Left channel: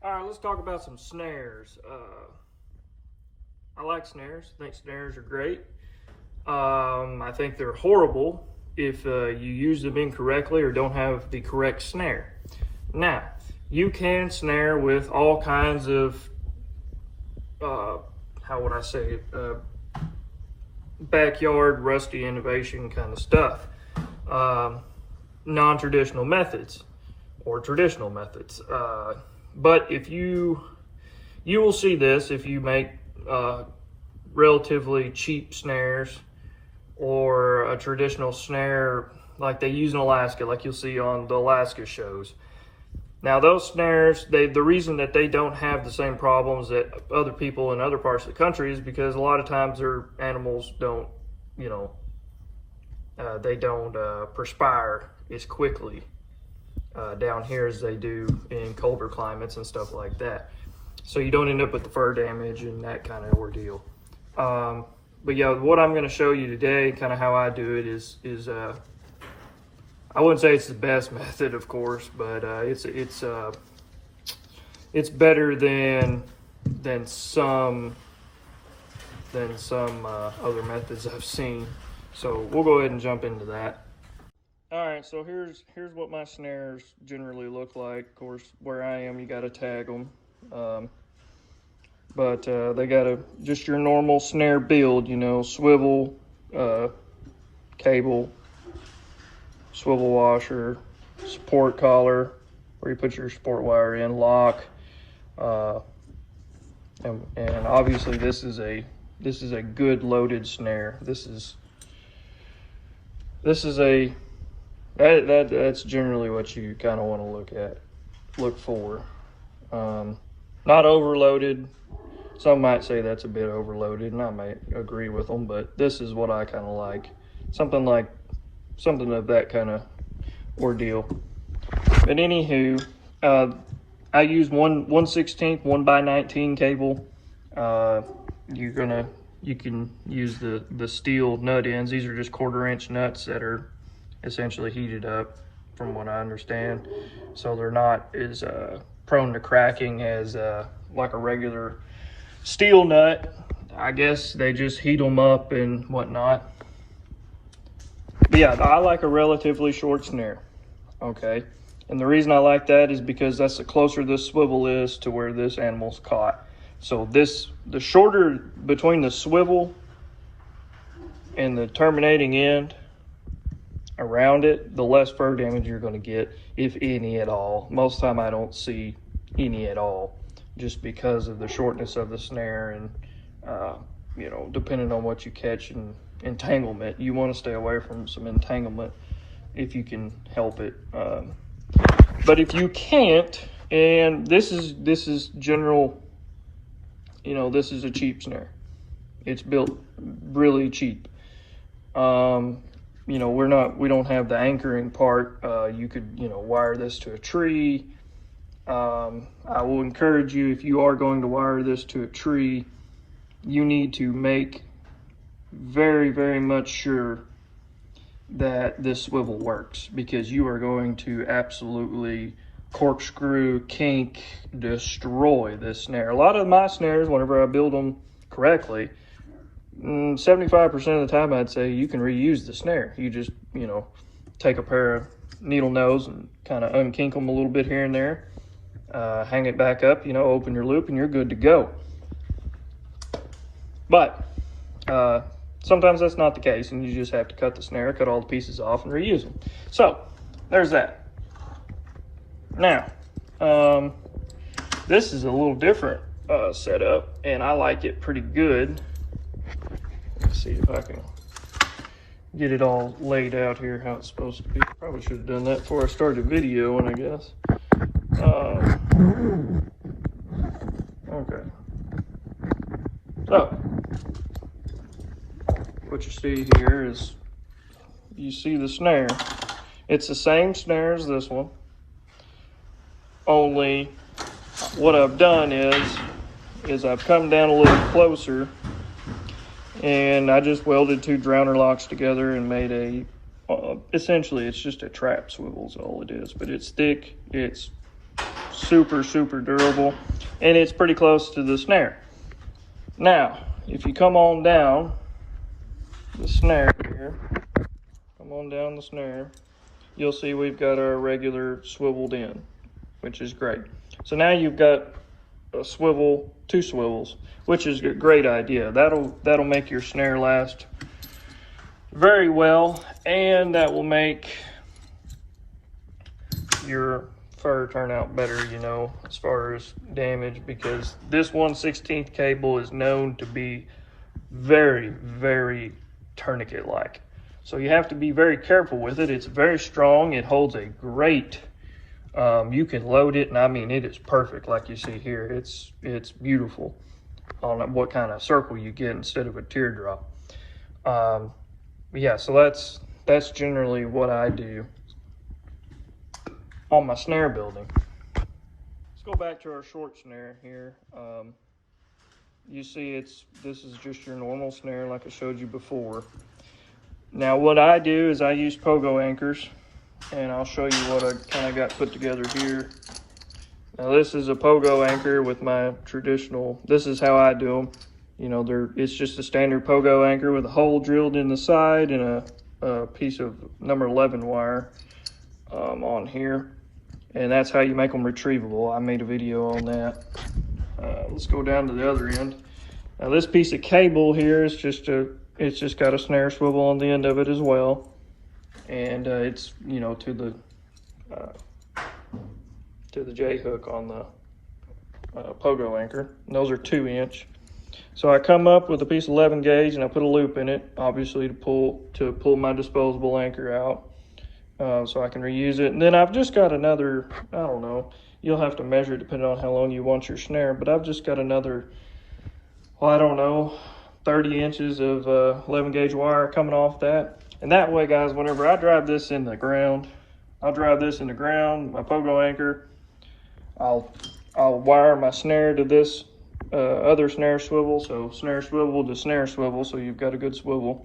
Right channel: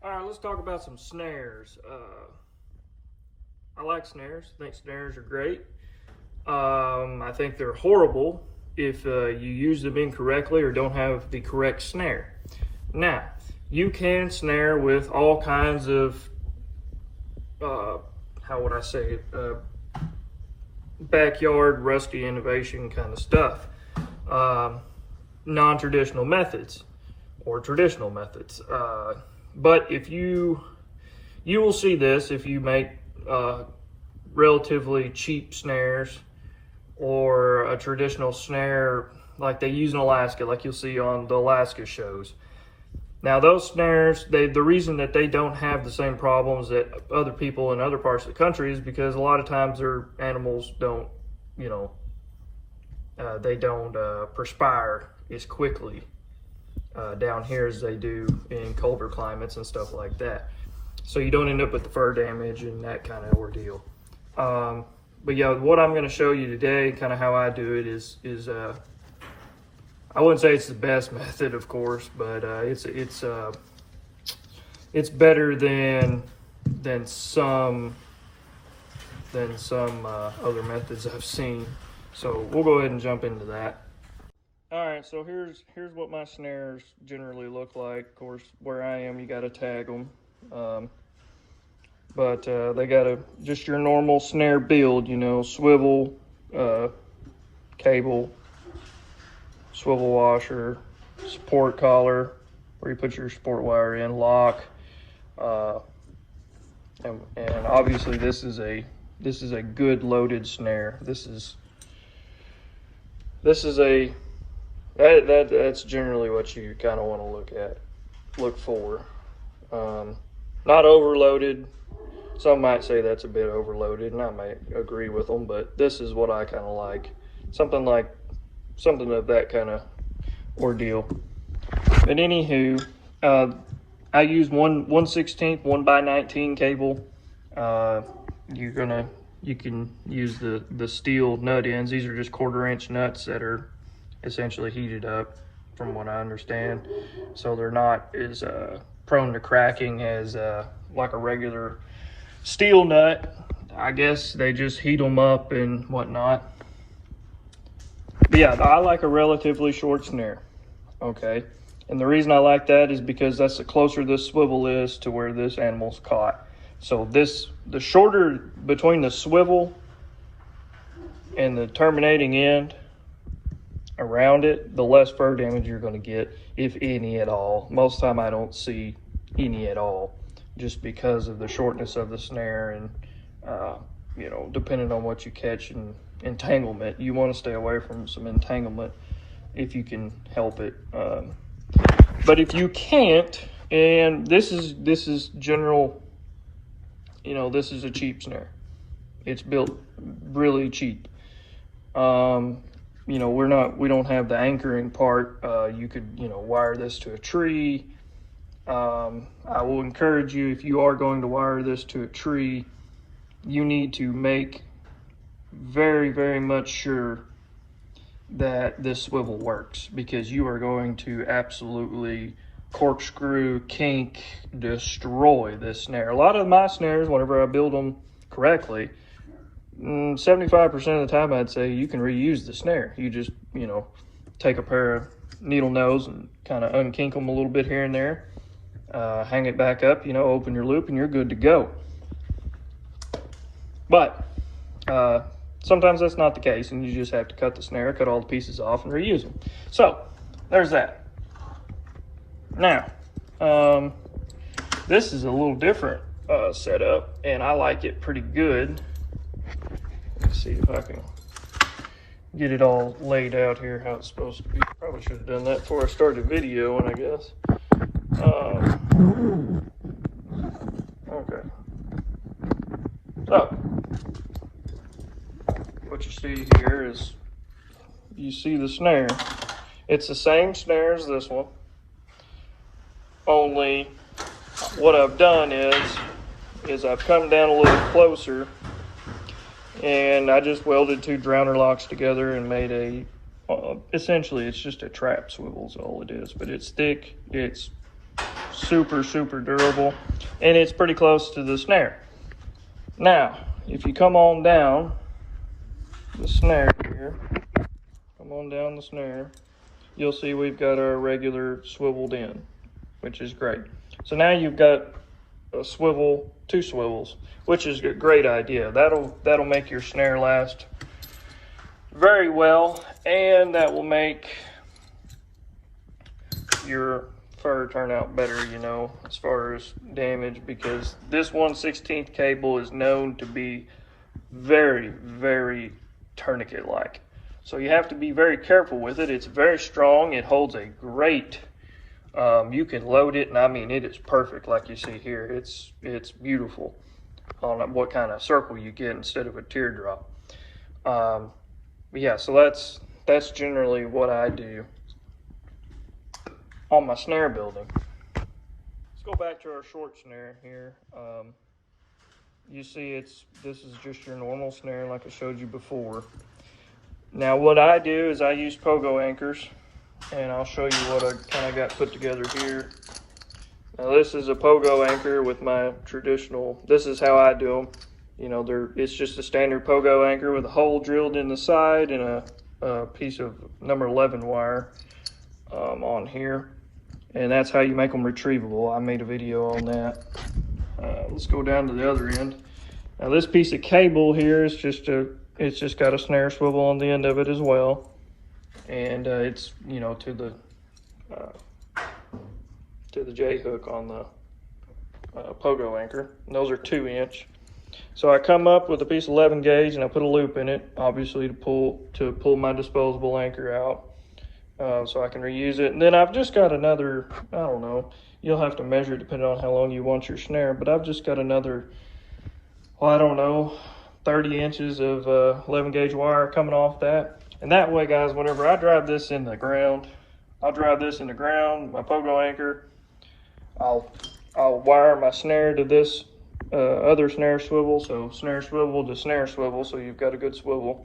All right, let's talk about some snares. I like snares. I think snares are great. I think they're horrible if you use them incorrectly or don't have the correct snare. Now, you can snare with all kinds of, how would I say, backyard rusty innovation kind of stuff. Non-traditional methods or traditional methods. But if you will see this if you make relatively cheap snares or a traditional snare like they use in Alaska, like you'll see on the Alaska shows. Now those snares, the reason that they don't have the same problems that other people in other parts of the country is because a lot of times their animals don't, they don't perspire as quickly down here as they do in colder climates and stuff like that. So you don't end up with the fur damage and that kind of ordeal. But yeah, what I'm going to show you today, kind of how I do it, is I wouldn't say it's the best method, of course, but it's better than some other methods I've seen. So we'll go ahead and jump into that. All right, so here's what my snares generally look like. Of course, where I am, you got to tag them, but they got just your normal snare build, swivel, cable, swivel washer, support collar, where you put your support wire in, lock, and obviously this is a good loaded snare. That's generally what you kind of want to look for. Not overloaded. Some might say that's a bit overloaded, and I might agree with them, but this is what I kind of like. Something of that kind of ordeal. But anywho, I use 1/16 1x19 cable. You can use the steel nut ends. These are just 1/4-inch nuts that are essentially heated up, from what I understand, so they're not as prone to cracking as like a regular steel nut. I guess they just heat them up and whatnot. But yeah, I like a relatively short snare, okay? And the reason I like that is because that's the closer this swivel is to where this animal's caught. So the shorter between the swivel and the terminating end around it, the less fur damage you're going to get, if any at all. Most of the time I don't see any at all, just because of the shortness of the snare and depending on what you catch and entanglement. You want to stay away from some entanglement if you can help it. But if you can't, and this is general, this is a cheap snare. It's built really cheap. We don't have the anchoring part. You could, wire this to a tree. I will encourage you, if you are going to wire this to a tree, you need to make very, very much sure that this swivel works, because you are going to absolutely corkscrew, kink, destroy this snare. A lot of my snares, whenever I build them correctly, 75% of the time I'd say you can reuse the snare. You just, take a pair of needle nose and kind of unkink them a little bit here and there, hang it back up, open your loop, and you're good to go. But sometimes that's not the case, and you just have to cut the snare, cut all the pieces off, and reuse them. So there's that. Now, this is a little different setup, and I like it pretty good. Let's see if I can get it all laid out here how it's supposed to be. Probably should have done that before I started videoing, I guess. Okay. So, what you see here is, you see the snare. It's the same snare as this one, only what I've done is I've come down a little closer, and I just welded 2 drowner locks together and made essentially it's just a trap swivel is all it is, but it's thick, it's Super, super durable. And it's pretty close to the snare. Now, if you come on down the snare here, come on down the snare, you'll see we've got our regular swiveled in, which is great. So now you've got a swivel, 2 swivels, which is a great idea. That'll make your snare last very well, and that will make your fur turn out better, you know, as far as damage, because this 1/16 cable is known to be very, very tourniquet-like. So you have to be very careful with it. It's very strong. It holds a great, you can load it, and I mean, it is perfect like you see here. It's beautiful on what kind of circle you get instead of a teardrop. Yeah, so that's generally what I do on my snare building. Let's go back to our short snare here. You see this is just your normal snare like I showed you before. Now what I do is I use pogo anchors, and I'll show you what I kind of got put together here. Now this is a pogo anchor with my traditional, this is how I do them. You know, it's just a standard pogo anchor with a hole drilled in the side and a piece of number 11 wire on here. And that's how you make them retrievable. I made a video on that. Let's go down to the other end. Now this piece of cable here is it's just got a snare swivel on the end of it as well. And it's, you know, to the J hook on the pogo anchor. And those are 2-inch. So I come up with a piece of 11 gauge and I put a loop in it, obviously to pull my disposable anchor out, so I can reuse it. And then I've just got another, I don't know, you'll have to measure it depending on how long you want your snare, but I've just got another, well, I don't know, 30 inches of 11 gauge wire coming off that. And that way, guys, whenever I drive this in the ground, my pogo anchor, I'll wire my snare to this other snare swivel, so snare swivel to snare swivel, so you've got a good swivel.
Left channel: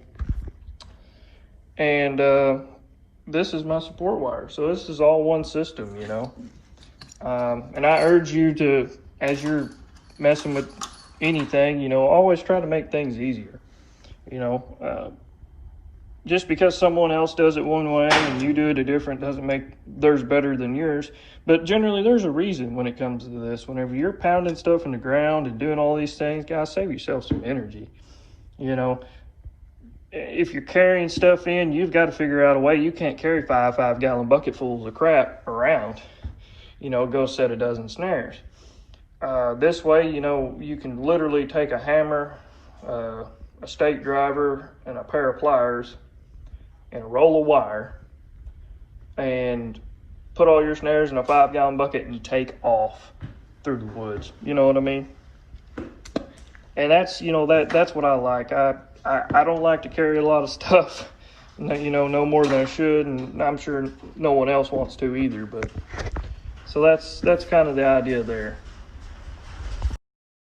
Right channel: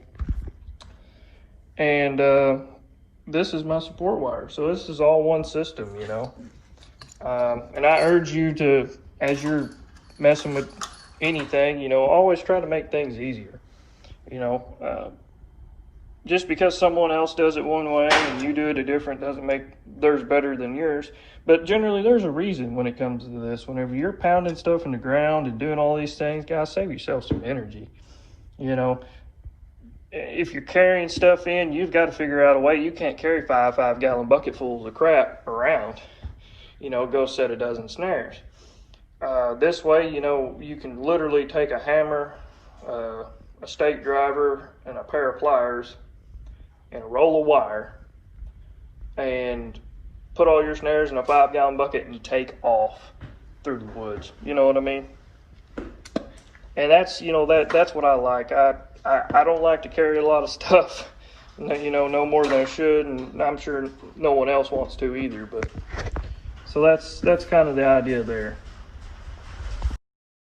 And this is my support wire, so this is all one system, you know. And I urge you to, as you're messing with anything, you know, always try to make things easier. You know, just because someone else does it one way and you do it a different doesn't make theirs better than yours. But generally, there's a reason when it comes to this. Whenever you're pounding stuff in the ground and doing all these things, guys, save yourself some energy. You know, if you're carrying stuff in, you've got to figure out a way. You can't carry 5 gallon bucketfuls of crap around. You know, go set a dozen snares. This way, you know, you can literally take a hammer, a stake driver, and a pair of pliers, and a roll of wire, and put all your snares in a 5-gallon bucket and you take off through the woods. You know what I mean? And that's, you know, that's what I like. I don't like to carry a lot of stuff, you know, no more than I should, and I'm sure no one else wants to either. But so that's kind of the idea there.